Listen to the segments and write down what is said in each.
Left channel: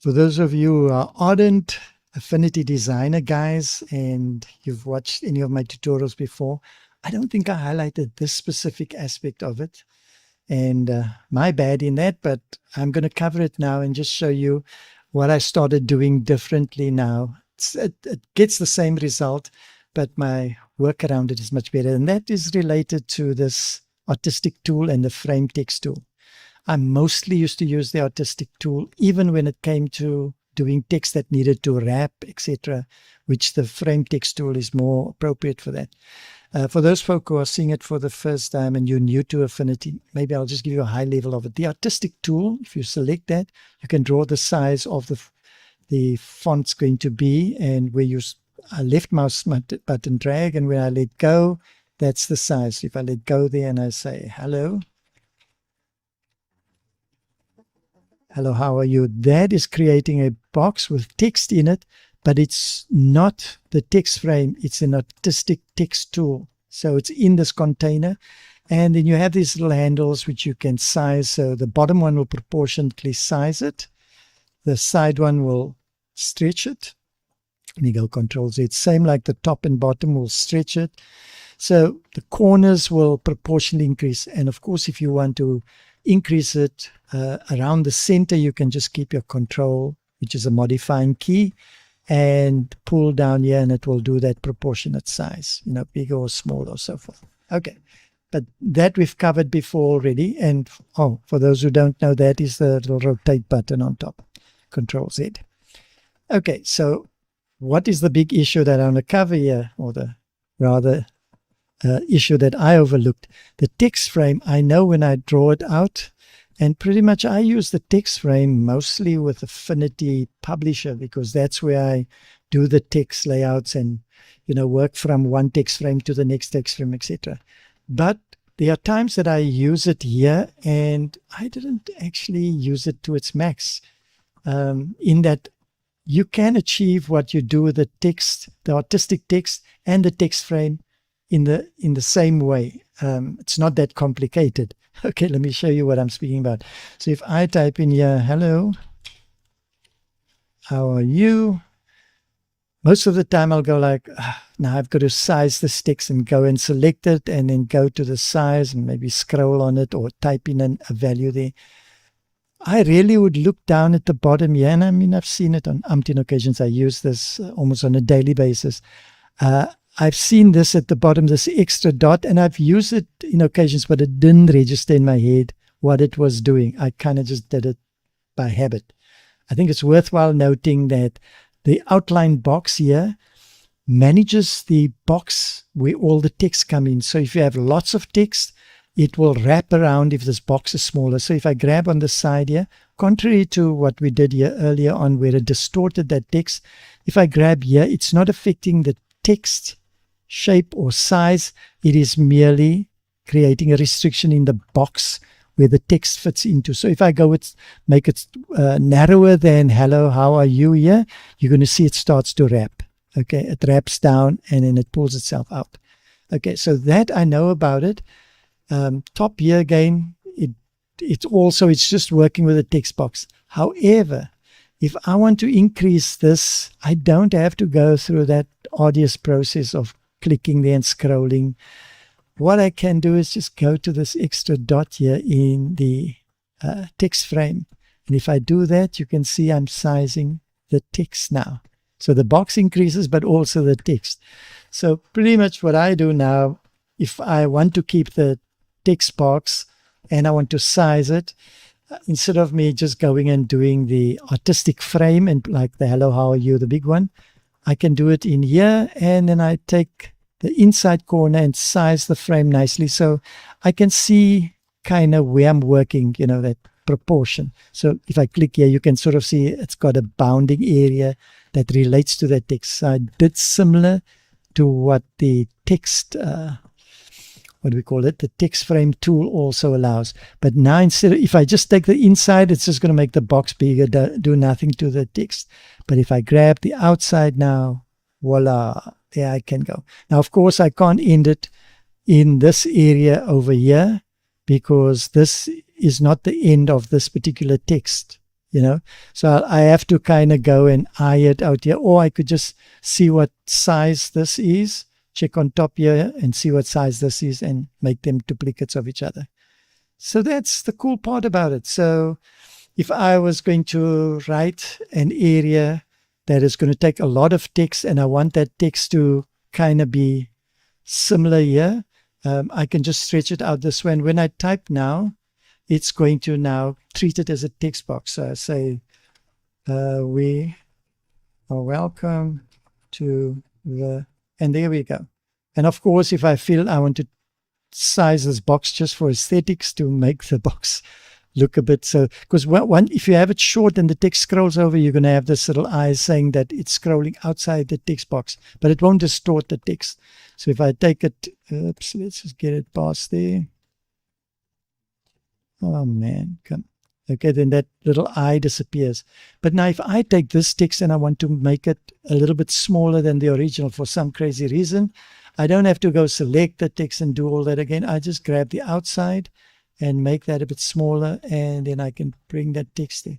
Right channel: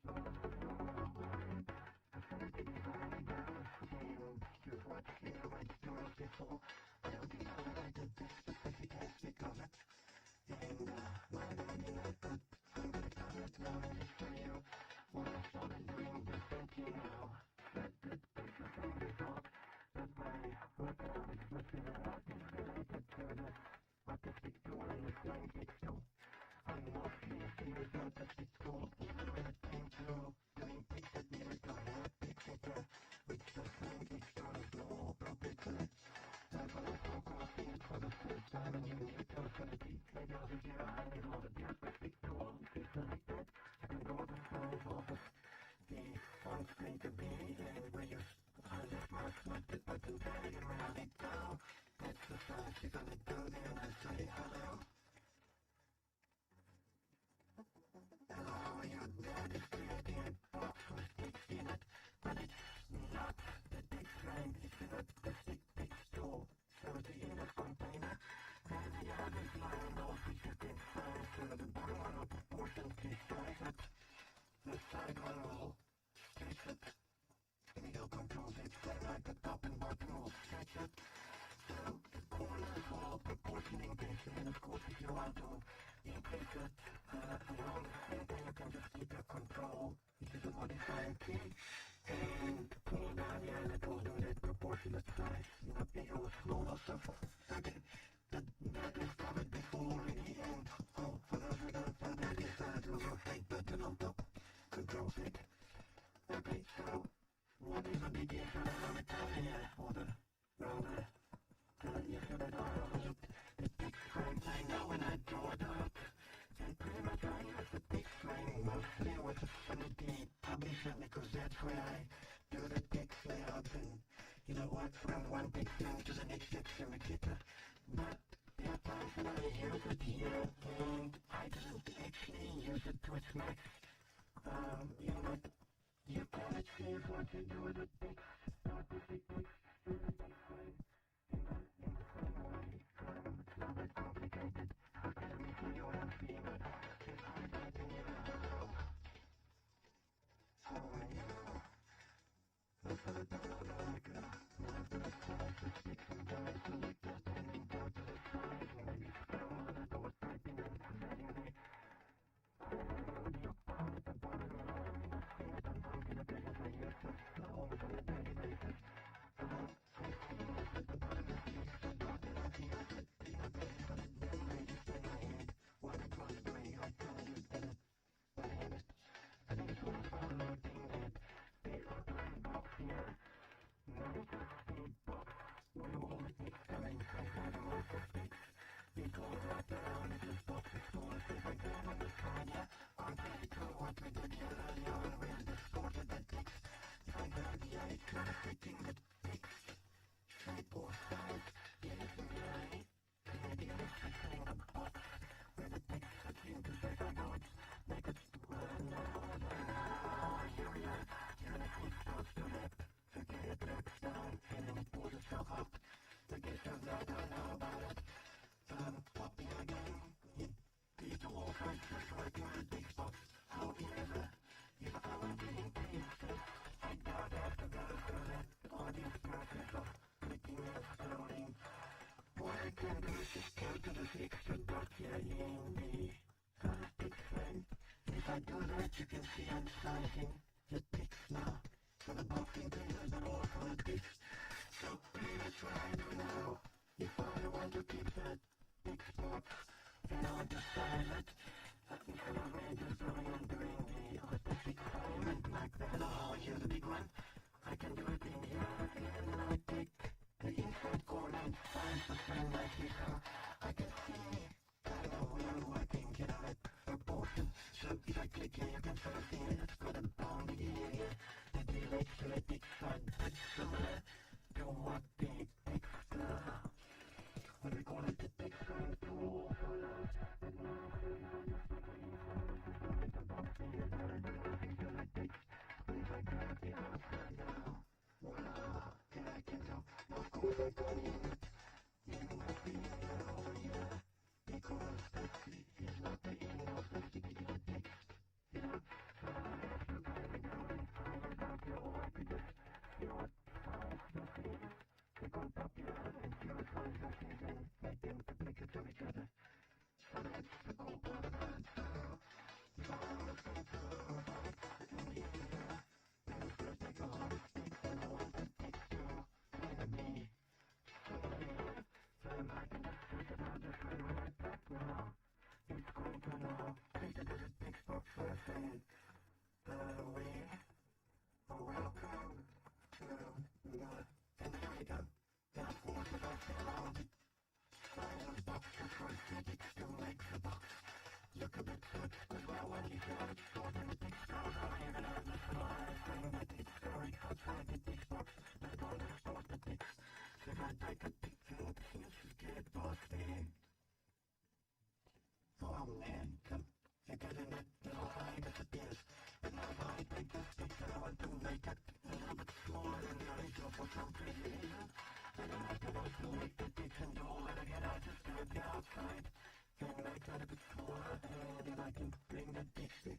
For those of you who are ardent Affinity designer guys and you've watched any of my tutorials before, I don't think I highlighted this specific aspect of it. And my bad in that, but I'm going to cover it now and just show you what I started doing differently now. It gets the same result, but my work around it is much better. And that is related to this artistic tool and the frame text tool. I mostly used to use the artistic tool, even when it came to doing text that needed to wrap, etc., which the frame text tool is more appropriate for that. For those folk who are seeing it for the first time and you're new to Affinity, maybe I'll just give you a high level of it. The artistic tool, if you select that, you can draw the size of the font's going to be, and where you left mouse button drag, and when I let go, that's the size. If I let go there and I say hello, hello, how are you? That is creating a box with text in it, but it's not the text frame. It's an artistic text tool. So it's in this container. And then you have these little handles which you can size. So the bottom one will proportionately size it. The side one will stretch it. Let me go Control Z. Same like the top and bottom will stretch it. So the corners will proportionally increase. And of course, if you want to increase it around the center, you can just keep your Control, which is a modifying key, and pull down here, and it will do that proportionate size, bigger or small or so forth. Okay, but that we've covered before already. And for those who don't know, that is the little rotate button on top, Control Z. Okay, so what is the big issue that I'm going to cover here, or the rather issue that I overlooked? The text frame. I know when I draw it out, and pretty much I use the text frame mostly with Affinity Publisher, because that's where I do the text layouts and work from one text frame to the next text frame, etc. But there are times that I use it here and I didn't actually use it to its max, in that you can achieve what you do with the text, the artistic text and the text frame in the same way. It's not that complicated. Okay, let me show you what I'm speaking about. So if I type in here, hello, how are you? Most of the time I'll go like, now I've got to size this text, and go and select it and then go to the size and maybe scroll on it or type in a value there. I really would look down at the bottom here, and I mean, I've seen it on umpteen occasions. I use this almost on a daily basis. I've seen this at the bottom, this extra dot, and I've used it in occasions, but it didn't register in my head what it was doing. I kind of just did it by habit. I think it's worthwhile noting that the outline box here manages the box where all the text come in. So if you have lots of text, it will wrap around if this box is smaller. So if I grab on the side here, contrary to what we did here earlier on where it distorted that text, if I grab here, it's not affecting the text shape or size. It is merely creating a restriction in the box where the text fits into. So if I go with, make it narrower than hello, how are you here, you're going to see it starts to wrap. Okay, it wraps down and then it pulls itself out. Okay, so that I know about it. Top here again, it's just working with a text box. However, if I want to increase this, I don't have to go through that arduous process of clicking there and scrolling. What I can do is just go to this extra dot here in the text frame. And if I do that, you can see I'm sizing the text now. So the box increases, but also the text. So pretty much what I do now, if I want to keep the text box and I want to size it, instead of me just going and doing the artistic frame and like the hello, how are you, the big one, I can do it in here, and then I take the inside corner and size the frame nicely so I can see kind of where I'm working, that proportion. So if I click here, you can sort of see it's got a bounding area that relates to that text. So I did similar to what the text, what do we call it? The text frame tool also allows. But now instead of, if I just take the inside, it's just going to make the box bigger, do nothing to the text. But if I grab the outside now, voila, there I can go. Now, of course, I can't end it in this area over here because this is not the end of this particular text. you know. So I have to kind of go and eye it out here, or I could just see what size this is, check on top here and see what size this is and make them duplicates of each other. So that's the cool part about it. So if I was going to write an area that is going to take a lot of text and I want that text to kind of be similar here, I can just stretch it out this way. And when I type now, it's going to now treat it as a text box. So I say, we are welcome to the, and there we go. And of course, if I feel I want to size this box just for aesthetics to make the box look a bit, so because if you have it short and the text scrolls over, you're going to have this little eye saying that it's scrolling outside the text box, but it won't distort the text. So if I take it, oops, let's just get it past there. Oh man, come. Okay, then that little eye disappears. But now if I take this text and I want to make it a little bit smaller than the original for some crazy reason, I don't have to go select the text and do all that again. I just grab the outside and make that a bit smaller, and then I can bring that text there.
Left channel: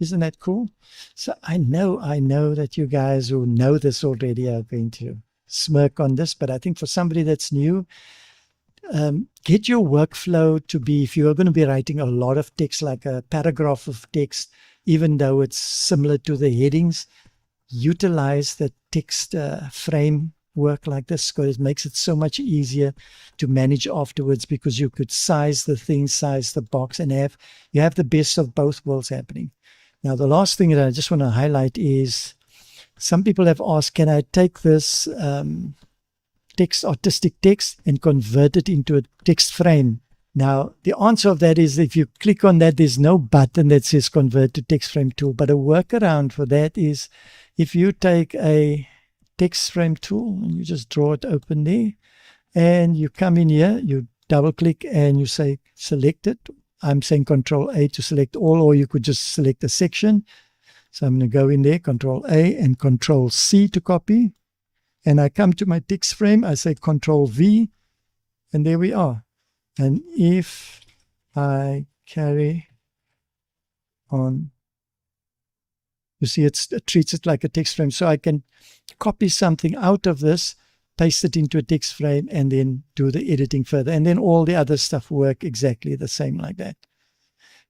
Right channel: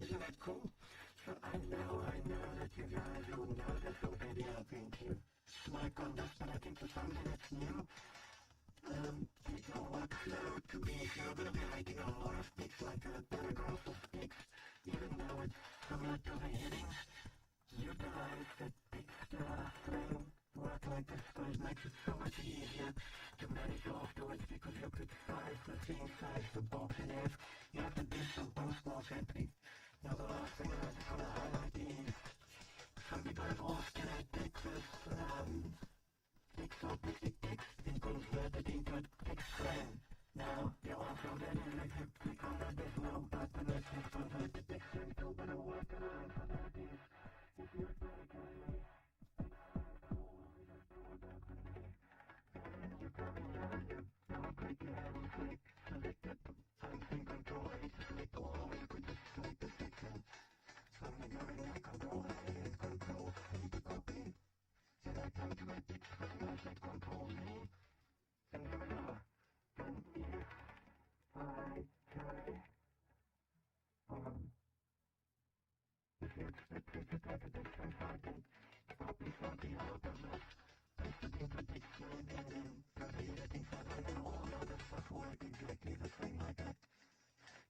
Isn't that cool? So I know that you guys who know this already are going to smirk on this, but I think for somebody that's new, get your workflow to be, if you're going to be writing a lot of text, like a paragraph of text, even though it's similar to the headings, utilize the text frame work like this, because it makes it so much easier to manage afterwards, because you could size the thing, size the box, and you have the best of both worlds happening. Now, the last thing that I just want to highlight is some people have asked, can I take this artistic text and convert it into a text frame? Now, the answer of that is, if you click on that, there's no button that says convert to text frame tool. But a workaround for that is, if you take a text frame tool and you just draw it open there, and you come in here, you double click and you say select it. I'm saying Control A to select all, or you could just select a section. So I'm going to go in there, Control A and Control C to copy. And I come to my text frame, I say Control V, and there we are. And if I carry on, you see it treats it like a text frame. So I can copy something out of this, paste it into a text frame, and then do the editing further. And then all the other stuff work exactly the same like that.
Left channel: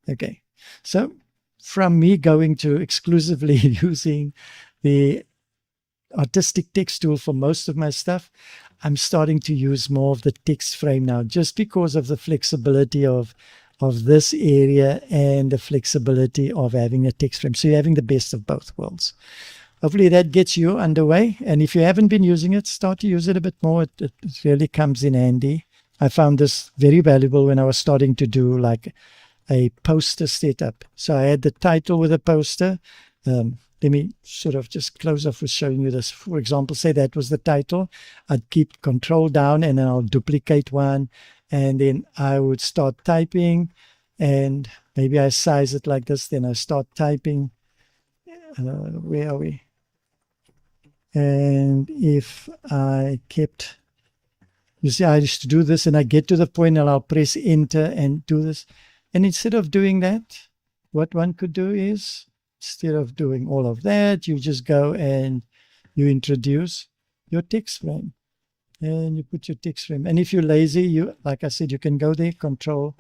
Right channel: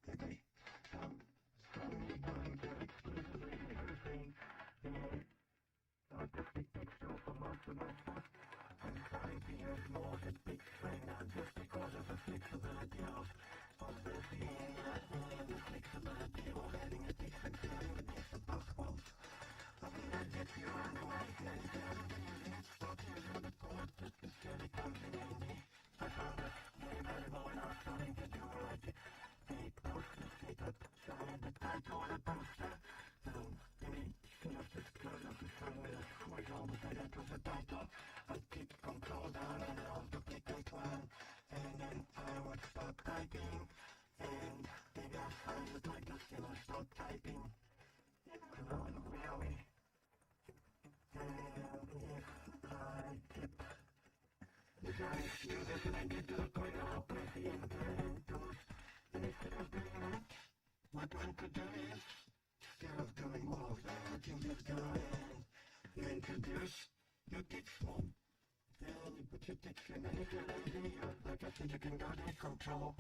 Okay, so from me going to exclusively using the artistic text tool for most of my stuff, I'm starting to use more of the text frame now, just because of the flexibility of this area and the flexibility of having a text frame. So you're having the best of both worlds. Hopefully that gets you underway. And if you haven't been using it, start to use it a bit more. It really comes in handy. I found this very valuable when I was starting to do like a poster setup. So I had the title with a poster. Let me sort of just close off with showing you this. For example, say that was the title. I'd keep Control down and then I'll duplicate one. And then I would start typing, and maybe I size it like this. Then I start typing. Where are we? And if I kept, you see, I used to do this and I get to the point and I'll press enter and do this. And instead of doing that, what one could do is, instead of doing all of that, you just go and you introduce your text frame. And you put your text frame. And if you're lazy, you, like I said, you can go there, Control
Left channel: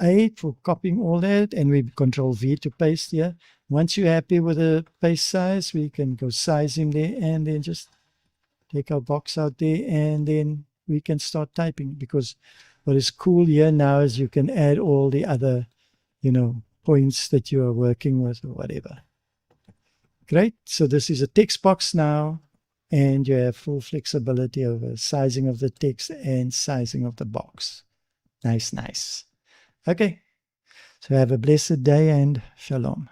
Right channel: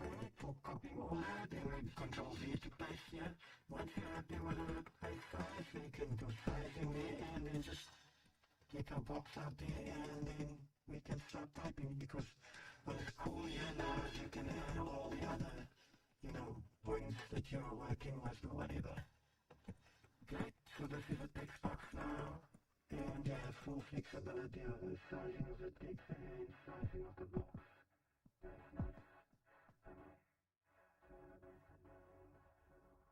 A for copying all that, and we Control V to paste here. Once you're happy with the paste size, we can go sizing there and then just take our box out there, and then we can start typing. Because what is cool here now is you can add all the other, points that you are working with or whatever. Great. So this is a text box now, and you have full flexibility over sizing of the text and sizing of the box. Nice, nice. Okay. So have a blessed day and shalom.